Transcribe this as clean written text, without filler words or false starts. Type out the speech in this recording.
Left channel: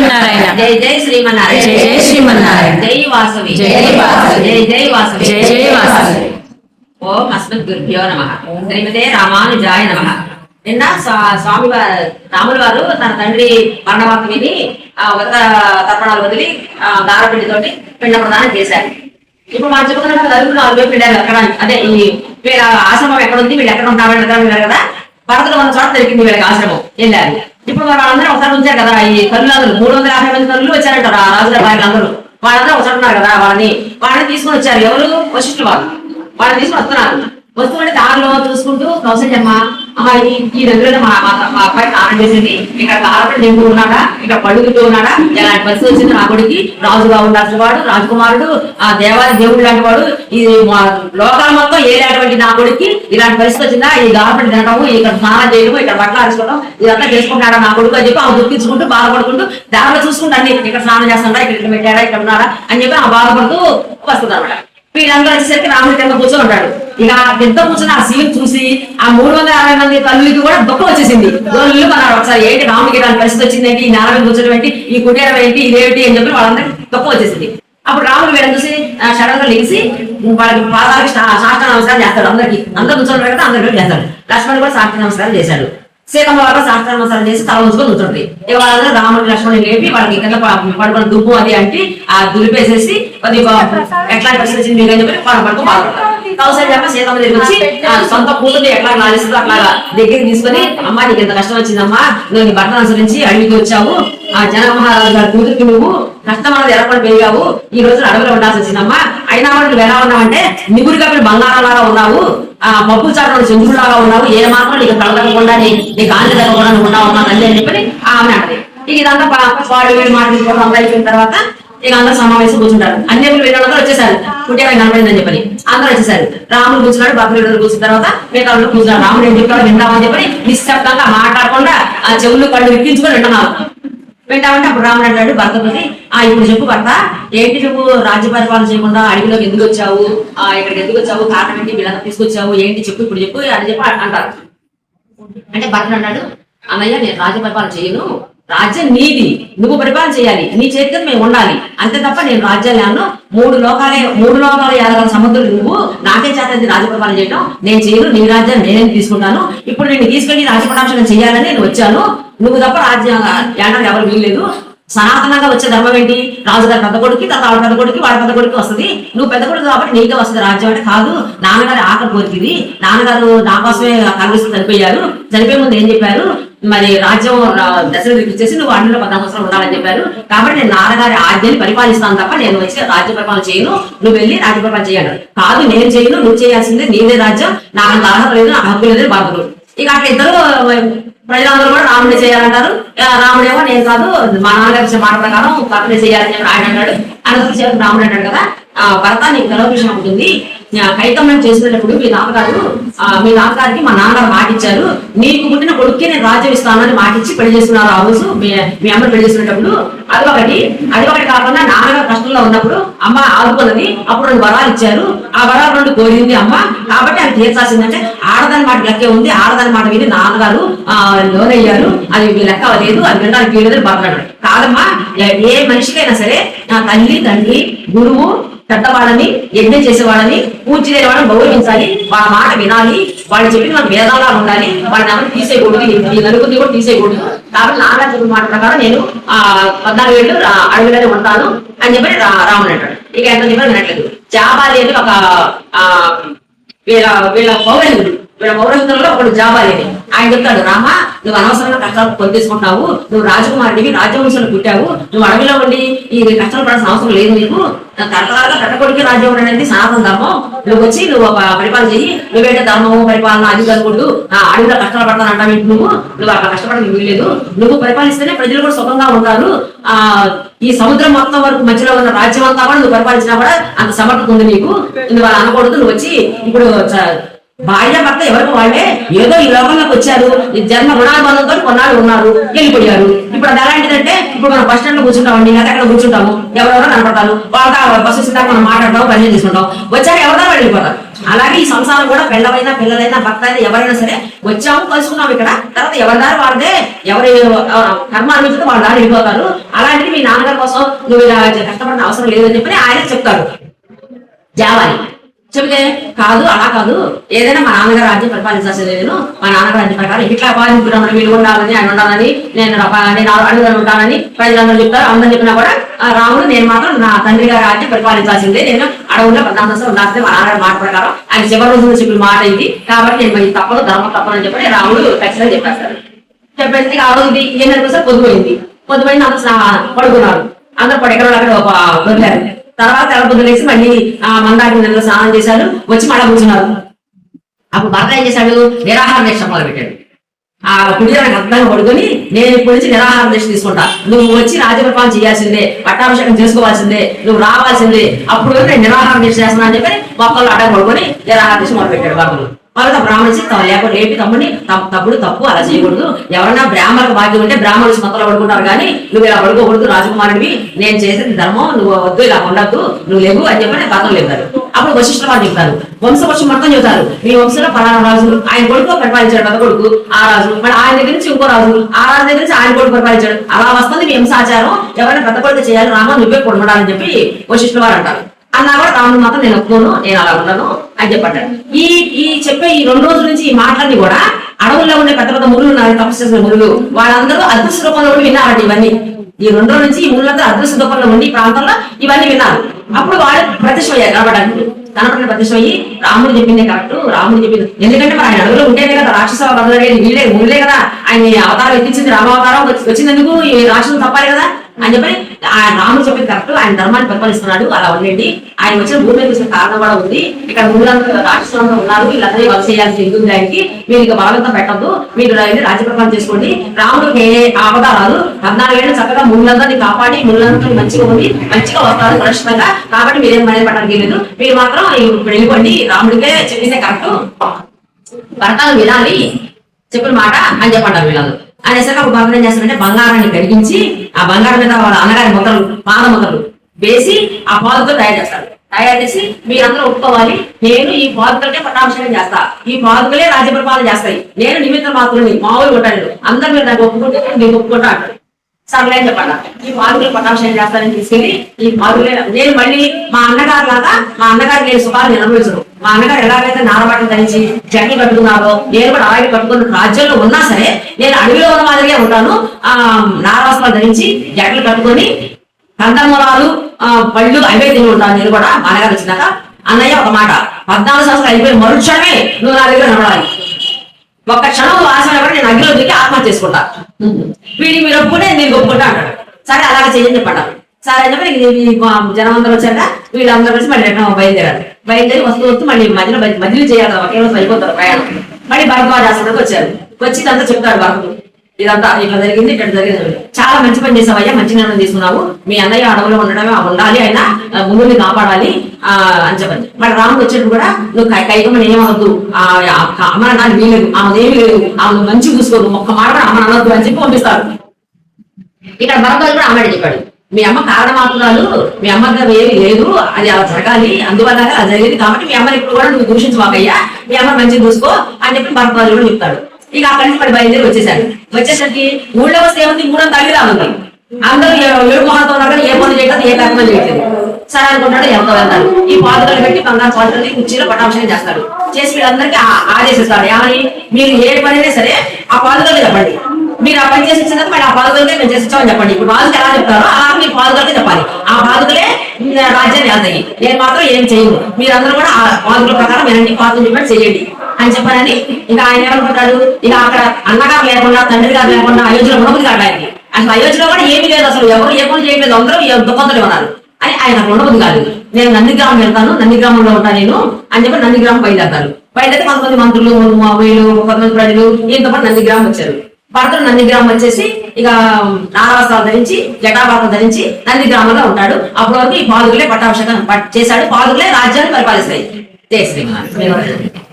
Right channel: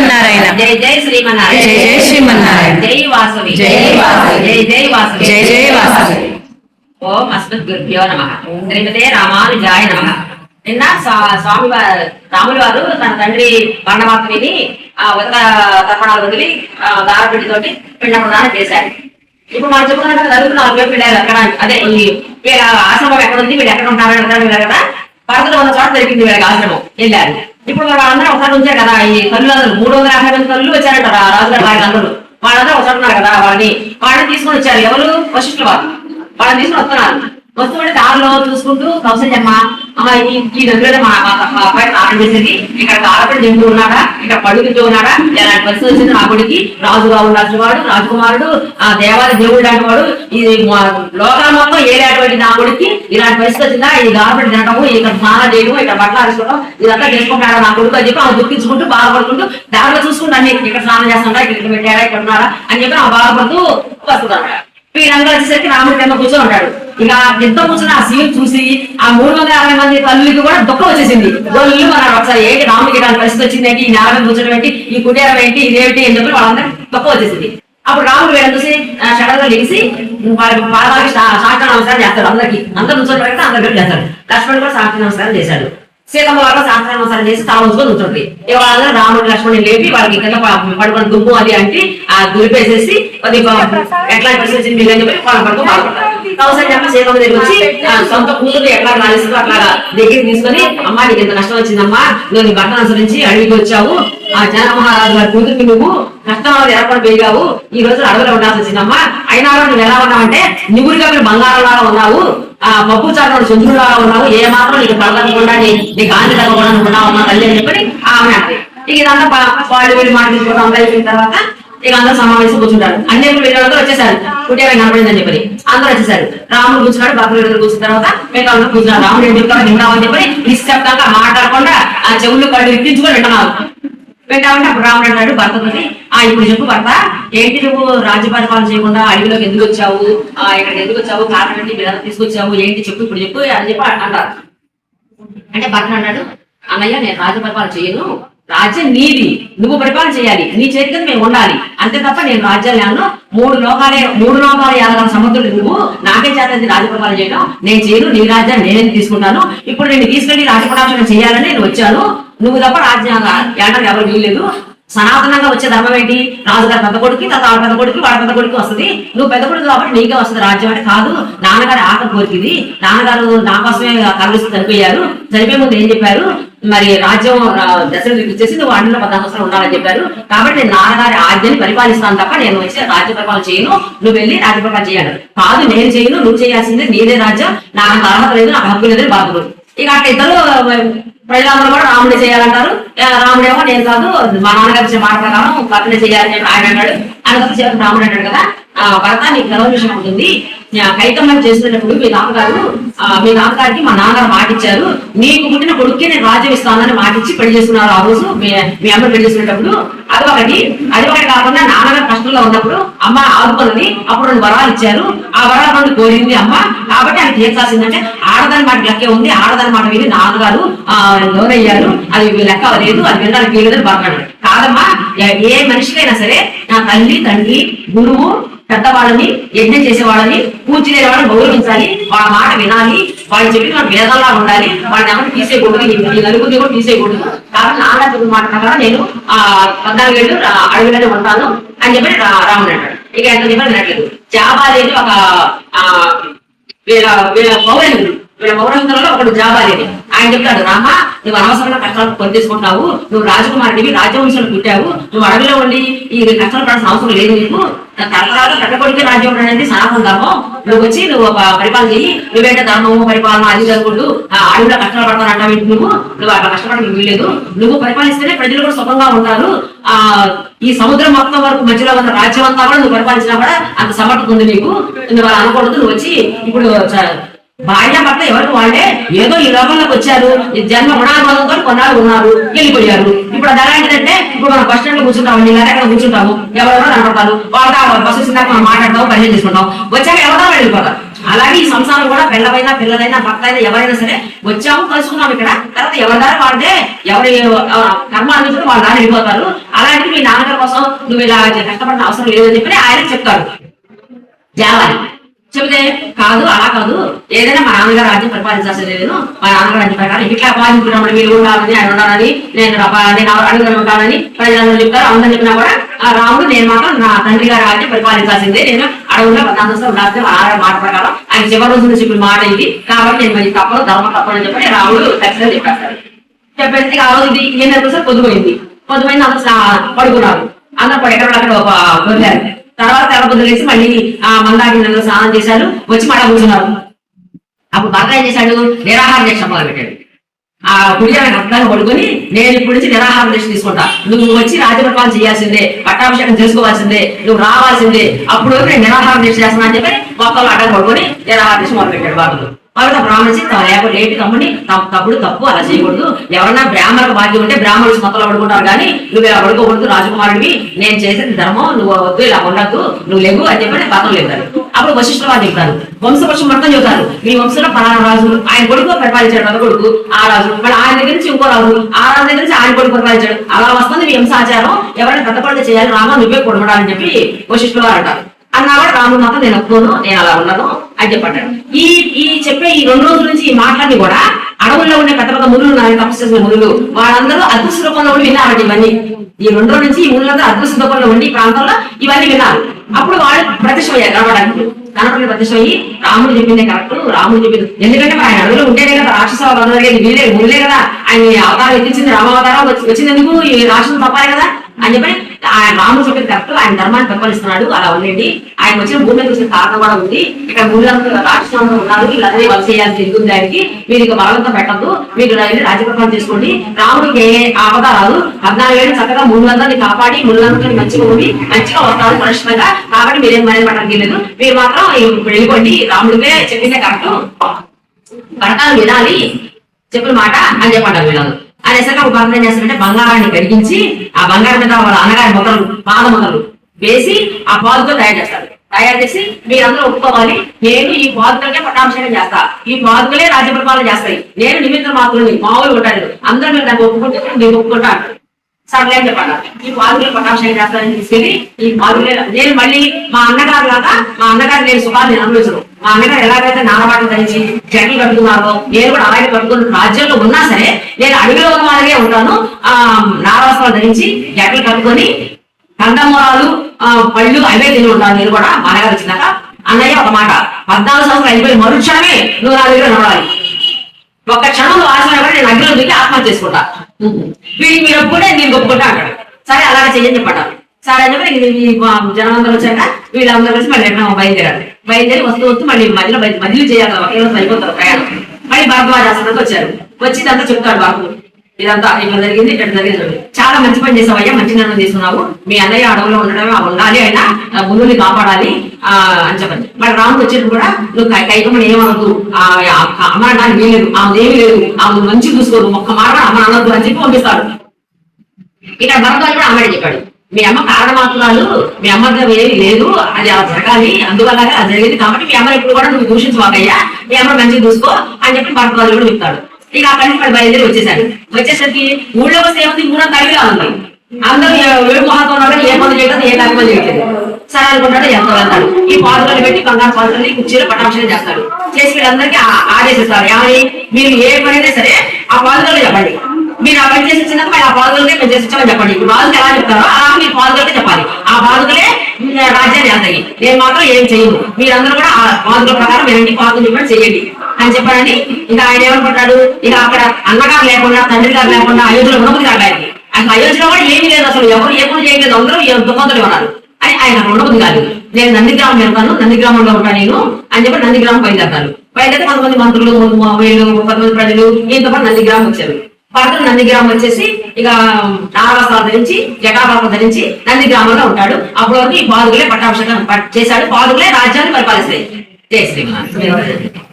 శ్రీమన్నారాయణ. జై జై శ్రీమన్నారాయణ. జై జై శ్రీమన్నారాయణ. జై వాసవి. జై వాసవి. జై జై వాసవి. జై జై వాసవి. ఓం అస్మద్గురుభ్యో నమః. శ్రీమతే రామానుజాయ నమః. నిన్న స్వామి రాముల వారు తన తండ్రి వర్ణవార్త విని ఉదక తర్పణాలు వదిలి దారపిండితోటి పిండ ప్రదానం చేశారు. ఇప్పుడు మనం చెప్పుకున్న నలుగురు 4 వేలు పిండారు. అక్కడ అదే ఈ ఆశ్రమం ఎక్కడ ఉంది, వీళ్ళు ఎక్కడ ఉంటారు కదా, భరతలో ఉన్న చోట దొరికింది వీళ్ళకి ఆశ్రమం. వెళ్ళారు. ఇప్పుడు వాళ్ళందరూ ఒకసారి ఉంచారు కదా, ఈ తల్లులందరూ 350 మంది తల్లులు వచ్చారంట రాజుగారి వాళ్ళందరూ. వాళ్ళందరూ ఒకసారి ఉన్నారు కదా, వాళ్ళని తీసుకుని వచ్చారు. ఎవరు? వశిష్ఠుల వారు. వాళ్ళని తీసుకుని వస్తున్నారు. వస్తుంటే దారిలో చూసుకుంటూ కౌసల్యమ్మ, అమ్మాయి ఈ దగ్గర మా అబ్బాయి స్నానం చేసింది, ఇక్కడ కాలపడి దేవుడు ఉన్నాడా, ఇక్కడ పడుగుతూ ఉన్నాడా, ఎలాంటి పరిస్థితి వచ్చింది, నా కొడుకు రాజుగా ఉండాల్సిన వాడు, రాజకుమారుడు, ఆ దేవాలయ దేవుడు లాంటి వాడు, ఈ లోకాల మొత్తం ఏలేటువంటి నా కొడుకు ఇలాంటి పరిస్థితి వచ్చిందా, ఈ గాలపడి తినడము, ఇక్కడ స్నానం చేయడం, ఇక్కడ బట్టలు ఆడుకోవడం, ఇదంతా చేసుకుంటాడా నా కొడుకు అని చెప్పి ఆ దుఃఖించుకుంటూ బాధపడుకుంటూ దారిలో చూసుకుంటాను, ఇక్కడ స్నానం చేస్తాడా, ఇక్కడ పెట్టాడా, ఇక్కడ ఉన్నాడా అని చెప్పి ఆ బాధపడుతూ వస్తుంది అనమాట. వీళ్ళందరూ వచ్చేసరికి రాముడి కింద కూర్చొని ఉంటాడు. ఇక ఎంత కూర్చొని ఆ సీన్ చూసి ఆ 350 మంది తల్లికి కూడా దుఃఖం వచ్చేసింది. వాళ్ళు అన్నారు ఒకసారి, ఏంటి రాముడికి ఇలాంటి పరిస్థితి వచ్చింది ఏంటి, ఈ నేల మీద కూర్చోడం ఏంటి, ఈ కుటీరం ఏంటి, ఇదేంటి అని చెప్పి వాళ్ళందరికీ దుఃఖం వచ్చేసింది. అప్పుడు రాముడు వీళ్ళని చూసి షడతో లెగిసి వాళ్ళకి పాదాలకి సాష్టాంగ నమస్కారం చేస్తాడు. అందరూ కూర్చొని పెడితే అందరూ చేస్తాడు. లక్ష్మణుడు కూడా సాష్టాంగ నమస్కారం చేశాడు. సీతమ్మ వారు సాష్టాంగ నమస్కారం చేసి తల ఉంచుకొని ఉంటుంది. ఇవాళ రాముడు లక్ష్మణుని లేపి వాళ్ళకి కింద పడుకొని దుమ్ము అది అంటే ఆ దులిపేసేసి ఎట్లా పరిస్థితి అని చెప్పి వాళ్ళ పడుకో బాధపడతారు. కౌసల్యమ్మ సీతమ్మ దగ్గర వచ్చి సొంత కూతురు ఎట్లా లాలిస్తుందో అట్లా దగ్గరికి తీసుకొని, అమ్మా నీకు ఎంత కష్టం వచ్చిందమ్మా, నువ్వు నీ భర్త అనుసరించి అడవికి వచ్చావు, ఆ జనక మహారాజు గారి కూతురికి నువ్వు కష్టం అనేది ఏర్పడి పెరిగావు, ఈ రోజు అడవిలో ఉండాల్సి వచ్చిందమ్మా, అయినా నువ్వు ఎలా ఉన్నావంటే నిగురిగా మీరు బంగారంలాగా ఉన్నావు, ఆ పప్పు చాటు చంద్రులాగా ఉన్నావు, ఏ మాత్రం నీకు కలగకుండా నీకు ఆంధ్ర తగ్గకుండా ఉన్నావు తల్లి అని చెప్పి ఆమె అంటది. ఇక ఇదంతా వాళ్ళు వీళ్ళు మాట్లాడుకోవడం అంతా అయిపోయిన తర్వాత ఇక అందరూ సమావేశం కూర్చుంటారు. అన్ని వెళ్ళి వచ్చేసారు. కుటీరం కనపడిందని చెప్పి అందరూ వచ్చేసారు. రాముడు కూర్చున్నాడు, భద్రుడు కూర్చున్న తర్వాత మిగతా కూర్చున్నారు. రాముడు ఏం చెప్తాడు విన్నామని చెప్పి నిశ్శబ్దంగా మాట్లాడకుండా ఆ చెవులు కళ్ళు ఎక్కించుకొని వింటున్నావు. వింటామంటే అప్పుడు రాముడు అంటాడు భర్తతోటి, ఇప్పుడు చెప్పు భర్త, ఏంటి నువ్వు రాజ్య పరిపాలన చేయకుండా అడవిలోకి ఎందుకు వచ్చావు, ఇక్కడికి ఎందుకు వచ్చావు, కారణం ఏంటి, వీళ్ళంతా తీసుకొచ్చావు, ఏంటి చెప్పు, ఇప్పుడు చెప్పు అని చెప్పి అంటారు. అంటే భర్త అన్నాడు, అన్నయ్య నేను రాజ్య పరిపాలన చేయను, రాజ్యం నీది, నువ్వు పరిపాలన చేయాలి, నీ చేతి కింద మేము ఉండాలి, అంతే తప్ప నేను రాజ్యాలను 3 లోకాలే 50 సముద్రులు నువ్వు, నాకే చేత రాజ్య పరిపాలన చేయడం నేను చేయను, నీ రాజ్యాన్ని నేనే తీసుకుంటాను, ఇప్పుడు నేను తీసుకెళ్లి రాజపటాక్షణ చేయాలని నేను వచ్చాను, నువ్వు తప్ప రాజ్యాంగ ఏడాది ఎవరు వీల్లేదు, సనాతనంగా వచ్చే ధర్మం ఏంటి, రాజుగారి పెద్ద కొడుకు, తర్వాత ఆవిడ పెద్ద కొడుకు, వాడి పెద్ద కొడుకు వస్తుంది, నువ్వు పెద్ద కొడుకు కాబట్టి నీకే వస్తుంది రాజ్యం అంటే, కాదు నాన్నగారి ఆకలి కోరికిది, నాన్నగారు నా కోసమే కలుగుస్తూ చనిపోయారు, చనిపోయే ముందు ఏం చెప్పారు, మరి రాజ్యం దశరథుడికి ఇచ్చేసి నువ్వు 14 సంవత్సరాలు ఉండాలని చెప్పారు, కాబట్టి నేను నాన్నగారి ఆజ్ఞని పరిపాలిస్తాను తప్ప నేను వచ్చి రాజ్య పరిపాలన చేయను, నువ్వు వెళ్ళి రాజ్య పరిపాలన చేయాలి, కాదు నేను చేయను, నువ్వు చేయాల్సిందే, నీదే రాజ్యం, నాకు అర్హత లేదు, నాకు హక్కు లేదు బాధపడు. ఇక అట్లా ఇద్దరు ప్రజలందరూ కూడా రాముడే చేయాలంటారు. రాముడేమో నేను కాదు, మా నాన్నగారి మాట ప్రకారం భర్తనే చేయాలని చెప్పి ఆయన అన్నాడు. అనంతరం రాముడు అన్నాడు కదా, భర్త నీకు తెలవ విషయం ఉంటుంది, కైకమ్మం చేసుకునేటప్పుడు మీ నాన్నగారికి మా నాన్నగారు మాట ఇచ్చారు, నీకు పుట్టిన కొడుక్కి నేను రాజ్యం ఇస్తానని మాట ఇచ్చి పెళ్లి చేసుకున్నారు. ఆ రోజు మీ అమ్మ పెళ్లి చేసుకునేటప్పుడు అది ఒకటి కాకుండా నాన్నగారు కష్టంలో ఉన్నప్పుడు అమ్మ ఆదుకున్నది, అప్పుడు 2 వరాలు ఇచ్చారు, ఆ వరాల నుండి కోరింది అమ్మ, కాబట్టి అది తీర్చాల్సిందంటే ఆడదాని మాట లెక్కే ఉంది, ఆడదాని మాట విని నాన్నగారు లోనయ్యారు, అది లెక్క లేదు, అది వినడానికి వీలేదని బాధపడ్డాడు. కాదమ్మా, ఏ మనిషికైనా సరే నా తల్లి తండ్రి గురువు పెద్దవాళ్ళని యజ్ఞం చేసేవాళ్ళని పూజ చేసేవాళ్ళని గౌరవించాలి, వాళ్ళ మాట వినాలి, వాళ్ళు చెప్పిన మనకు వేదాలా ఉండాలి, వాళ్ళని ఎవరు తీసేయకూడదు, ఈ నలుగురిని కూడా తీసేయకూడదు, కాబట్టి నాన్న మాట ప్రకారం నేను 14 ఏళ్ళు అడవిలోనే ఉంటాను అని చెప్పి రాముడు అంటాడు. ఇక ఎంత చెప్పి వినట్లేదు. జాబాలి అని ఒక వీళ్ళ పౌరంలో ఒకడు జాబాలి అని ఆయన చెప్తాడు, రామ నువ్వు అనవసరంగా కష్టాలు పొందేసుకుంటావు, నువ్వు రాజకుమారుడివి, రాజ్యవంశంలో పుట్టావు, నువ్వు అడవిలో ఉండి ఈ కష్టాలు పడాల్సిన అవసరం లేదు, నీకు తరతరాలుగా కట్టకొడికే రాజ్యం అనేది సనాతన ధర్మం, నువ్వు వచ్చి నువ్వు పరిపాలన చెయ్యి, నువ్వేంటే ధర్మము పరిపాలన అది జరగకూడదు, అడవిలో కష్టాలు పడతాను అంటావు, నువ్వు అట్లా కష్టపడడం వీల్లేదు, నువ్వు పరిపాలిస్తేనే ప్రజలు కూడా సుఖంగా ఉంటారు, ఈ సముద్రం మొత్తం వరకు మధ్యలో ఉన్న రాజ్యం అంతా కూడా నువ్వు పరిపాలించినా కూడా అంత సమర్థత ఉంది నీకు, నువ్వు అలా అనకూడదు, నువ్వు వచ్చి ఇప్పుడు భార్య భర్త ఎవరికి వాళ్ళే ఏదో ఈ లోకంలోకి వచ్చారు, ఈ జన్మ గుణాబంధంతో కొన్నాళ్ళు ఉన్నారు, వెళ్ళిపోయారు. ఇప్పుడు అది ఎలాంటిదంటే, ఇప్పుడు మనం బస్ స్టాండ్ లో కూర్చుంటామండి, లేదా అక్కడ కూర్చుంటాము, ఎవరెవరో కనపడతారు, వాళ్ళతో బస్సు వచ్చిందాక మనం మాట్లాడతాము, పరిచయం చేసుకుంటాం, వచ్చాక ఎవరో వెళ్ళిపోతారు. అలాగే ఈ సంసారం కూడా పిల్లవైనా పిల్లలైనా భర్త అయినా ఎవరైనా సరే వచ్చాము కలుసుకున్నాం ఇక్కడ, తర్వాత ఎవరి దారి వాడితే ఎవరి కర్మానుభూతులు వాళ్ళ దారి వెళ్ళిపోతారు. అలాంటివి మీ నాన్నగారి కోసం నువ్వు ఇలా కష్టపడిన అవసరం లేదు అని చెప్పి ఆయనకు చెప్తాడు జావాలి. చెబితే కాదు అలా కాదు, ఏదైనా మా నాన్నగారు రాజ్యం పరిపాలించాల్సింది నేను, మా నాన్నగారు రాజ్యం ప్రకారం ఇట్లా పాలించుకున్నామని వీళ్ళు ఉండాలని ఆయన ఉండాలని నేను అడుగులు ఉంటానని ప్రజలందరూ చెప్తారు. అందరూ చెప్పినా కూడా రాముడు నేను మాత్రం నా తండ్రి గారి రాజ్యం పరిపాలించాల్సిందే, నేను అడవుల్లో 14 ఉండాల్సిందే మా నాన్నగారి మాట ప్రకారం ఆయన చివరి రోజున చెప్పిన మాట ఇది కాబట్టి నేను మంచి తప్పను ధర్మం తప్పని చెప్పి రాముడు ఖచ్చితంగా చెప్పేస్తారు. చెప్పేసి ఆ రోజు ఇది ఏమైనా చూస్తే పొద్దుపోయింది అందరూ పడుకున్నారు. అందరూ ఎక్కడ అక్కడ వదిలారు. తర్వాత తెల్లబుద్ధులు వేసి మళ్ళీ మందాకి స్నానం చేశారు, వచ్చి మళ్ళా కూర్చున్నారు. అప్పుడు భర్త ఏం చేశాడు, నిరాహార దీక్ష మొదలు పెట్టాడు. ఆ కుడియాన్ని అర్థంగా పడుకొని నేను ఇప్పటి నుంచి నిరాహార దీక్ష తీసుకుంటా, నువ్వు వచ్చి రాజపరిపాలన చేయాల్సిందే, పట్టాభిషేకం చేసుకోవాల్సిందే, నువ్వు రావాల్సిందే, అప్పుడు నేను నిరాహార దీక్ష చేస్తున్నా అని చెప్పి మొక్కలు అడ్డం పడుకొని నిరాహార దీక్ష మొదలు పెట్టాడు భర్తలు. వాళ్ళకి బ్రాహ్మణి లేకపోతే ఏంటి తమ్ముడిని తప్పుడు తప్పు అలా చేయకూడదు, ఎవరైనా బ్రాహ్మణకు భాగ్యం ఉంటే బ్రాహ్మణులు మొత్తంలో పడుకుంటారు కానీ నువ్వు ఇలా పడుకోకూడదు రాజకుమారుడివి, నేను చేసేది ధర్మం, నువ్వు వద్దు ఇలా ఉండద్దు, నువ్వు లేవు అని చెప్పి భర్తలు చెప్తారు. అప్పుడు వశిష్ఠుల వారు చెప్తారు, వంశపక్షం మొత్తం చెబుతారు, మీ వంశంలో పలానా రాజు ఆయన కొడుకు పరిపాలించాడు, పెద్ద కొడుకు ఆ రాజు, మరి ఆయన దగ్గర నుంచి ఇంకో రాజు, ఆ రాజు దగ్గర నుంచి ఆయన కొడుకు పరిపాలించాడు, అలా వస్తుంది మీ వంశాచారం, ఎవరైనా పెద్ద కొడుకు చేయాలి, రామా నువ్వే కొడబడాలని చెప్పి వశిష్ఠుల వారు అంటారు. అన్నా కూడా రాముడు మాత్రం నేను ఒప్పుకోను, నేను అలా ఉన్నాను అని చెప్పాడు. ఈ చెప్పే ఈ 2 రోజుల నుంచి ఈ మాటలన్నీ కూడా అడవుల్లో ఉండే పెద్ద పెద్ద మునులు ఉన్నారు, తపస్సు చేసిన మునులు, వాళ్ళందరూ అదృశ్య రూపంలో ఉండి విన్నారండి ఇవన్నీ. ఈ 2 రోజుల నుంచి ఈ మునులందరూ అదృశ్య రూపంలో ఉండి ఈ ప్రాంతంలో ఇవన్నీ విన్నారు. అప్పుడు వాళ్ళు ప్రత్యక్షమయ్యారు కనబడానికి. కనబడిన ప్రత్యక్షమయ్యి రాముడు చెప్పిందే కరెక్ట్, రాముడు చెప్పింది, ఎందుకంటే మరి ఆయన అడవులు ఉంటేనే కదా రాక్షస జరిగేది, వీళ్ళే మునులే కదా, ఆయన అవతారం ఎత్తించింది, రామావతారం వచ్చినందుకు ఈ రాక్షసులు తప్పాలి కదా అని చెప్పి ఆయన రాముడు చెప్పింది కరెక్ట్, ఆయన ధర్మాన్ని పరిపాలిస్తున్నాడు అలా ఉండండి. ఆయన వచ్చిన భూమి చూసిన కారణం కూడా ఉంది, ఇక్కడ మునులందరూ రాక్షసులు ఉన్నారు, వీళ్ళందరూ వాళ్ళు చేయాల్సి ఉంది, ఆయనకి మీరు ఇక బలవంతం పెట్టద్దు, మీరు రాజ్యపరిపాలన చేసుకోండి. రాముడికి అవతారాలు 14 ఏళ్ళు చక్కగా మునులందరినీ కాపాడి మునులందరినీ మంచిగా ఉండి మంచిగా వస్తారు సురక్షితంగా, కాబట్టి మీరేం మనే పట్టడానికి లేదు, మీరు మాత్రం వెళ్ళిపోండి, రాముడికే చెప్పిందే కరెక్ట్, భర్తలు వినాలి చెప్పిన మాట అని చెప్పంటారు వీళ్ళందరూ. అనేసరికి ఒక భర్త ఏం చేస్తారంటే బంగారాన్ని కరిగించి ఆ బంగారం మీద వాళ్ళ అన్నగారి మొక్కలు పాద మొక్కలు వేసి ఆ పాదుకలు తయారు చేస్తారు. తయారు చేసి మీరందరూ ఒప్పుకోవాలి, నేను ఈ పాదుకలకే పట్టాభిషేకం చేస్తా, ఈ పాదుకలే రాజ్య పరిపాలన చేస్తాయి, నేను నిమిత్తం మాత్రమే మామూలు కొట్టాను, అందరూ మీరు నాకు ఒప్పుకుంటే నేను ఒప్పుకుంటా అంటారు. సర్లే అని చెప్పాను, ఈ పాదుకలు పట్టాభిషేకం చేస్తానని తీసుకెళ్ళి ఈ పాదుకలే నేను మళ్ళీ మా అన్నగారు లాగా మా అన్నగారు నేను సుఖాలు నేను అనుభవించను, మా అన్నగారు ఎలాగైతే నారబాటలు ధరించి జట్లు కట్టుకున్నారో నేను కూడా అలాగే కట్టుకుని రాజ్యంలో ఉన్నా సరే నేను అడవిలో ఉన్న మాదిరిగా ఉంటాను, నారవస్త్రాలు ధరించి జట్లు కట్టుకొని కందమూలాలు పళ్ళు అవే తిని ఉంటాను నేను కూడా. మా అన్నగారు వచ్చినాక అన్నయ్య ఒక మాట, 14 సంవత్సరాలు అయిపోయి మరుక్షణమే నువ్వు నా దగ్గర నిలబడాలి, ఒక్క క్షణం ఆశ నేను అగ్నిలో దిగి ఆత్మహత్య చేసుకుంటా, వీడికి మీరు ఒప్పుకుంటే నేను ఒప్పుకుంటా అంటాడు. సరే అలాగే చెయ్యని చెప్పంటారు. సరే అని చెప్పి జనం అందరూ వచ్చాక వీళ్ళందరూ కలిసి మళ్ళీ బయలుదేరారు. బయలుదేరి వస్తూ మళ్ళీ మధ్యలో చేయాలి, ఒకే రోజు అయిపోతారు ప్రయాణం. మళ్ళీ భరద్వాజ ఆశ్రమానికి వచ్చారు. వచ్చి ఇదంతా చెప్తాడు బాబు, ఇదంతా ఇట్లా జరిగింది ఇక్కడ జరిగింది, చాలా మంచి పని చేసావయ్యా, మంచి నిర్ణయం తీసుకున్నావు, మీ అన్నయ్య అడవులో ఉండడమే ఉండాలి, అయినా ముందుని కాపాడాలి అని చెప్పండి. మరి రాముడు వచ్చేటప్పుడు కూడా నువ్వు కైకమ్మని ఏమనద్దు, అమ్మ నాకు వీలేదు, ఆమెదేమీ లేదు, ఆమె మంచి చూసుకోదు, ఒక్క మాట అమ్మ అనద్దు అని చెప్పి పంపిస్తాడు. ఇక్కడ భరద్వాజ కూడా అమ్మడి చెప్పాడు, మీ అమ్మ కారణమాత్రాలు, మీ అమ్మ ఏమి లేదు, అది అలా జరగాలి, అందువల్ల అది జరిగింది, కాబట్టి మీ అమ్మని ఇప్పుడు కూడా నువ్వు దూషించవాకయ్యా, మీ అమ్మ మంచిగా చూసుకో అని చెప్పి భరద్వాజ కూడా చెప్తాడు. ఇక అక్కడి నుంచి మరి బయలుదేరి వచ్చేసాడు. వచ్చేసరికి ఊళ్ళో వస్తే ఏముంది, ఊరంతా తల్లిగా ఉంది, అందరూ ఏడు మొహంతో ఉన్నారు, ఏ పనులు చేయలేదు, ఏ కర్మలు చేయట్లేదు. సరే అనుకుంటాడు, ఎంతో వెళ్తారు. ఈ పాదుకలు పెట్టి బంగారు పాదుకల్ని కుర్చీలో పట్టాభిషేకం చేస్తారు. చేసి వీళ్ళందరికీ ఆదేశిస్తారు, ఏమని మీరు ఏ పని అయినా సరే ఆ పాదుకలే చెప్పండి, మీరు ఆ పని చేసి వచ్చినాక మరి ఆ పాదుకలకే మేము చేసి ఇచ్చామని చెప్పండి. ఇప్పుడు పాదుకలు ఎలా చెప్తారో అలా మీరు పాదుకలకే చెప్పాలి, ఆ పాదుకలే రాజ్యాన్ని వెళ్తాయి, నేను మాత్రం ఏం చేయను, మీరందరూ కూడా ఆ పాదుకల ప్రకారం వినండి, పాదుకలు చెప్పండి చెయ్యండి అని చెప్పారండి. ఇంకా ఆయన ఏమనుకుంటాడు, ఇక అక్కడ అన్నగారు లేకుండా తండ్రి గారు లేకుండా అయోధ్యలో ఉండబుద్ధి కాదు ఆయనకి. అసలు అయోధ్యలో కూడా ఏమీ లేదు, అసలు ఎవరు ఏ పనులు చేయలేదు, అందరూ దుఃఖంతో ఉన్నారు అని ఆయన అక్కడ ఉండబుద్ధి కాదు. నేను నందిగ్రామం వెళ్తాను, నందిగ్రామంలో ఉంటాను నేను అని చెప్పి నందిగ్రామం బయలుదేరతారు. బయలుదేరి 10 మంత్రులు 1000 ప్రజలు ఇంత పాటు నందిగ్రామం వచ్చారు. భరతుడు నందిగ్రామం వచ్చేసి ఇక నారవస్త్రాలు ధరించి జటాభారం ధరించి నందిగ్రామంలో ఉంటాడు. అప్పటి వరకు ఈ పాదుకులే పట్టాభిషేకం చేశాడు, పాదుకులే రాజ్యాన్ని పరిపాలిస్తాయి. జై శ్రీరామ్.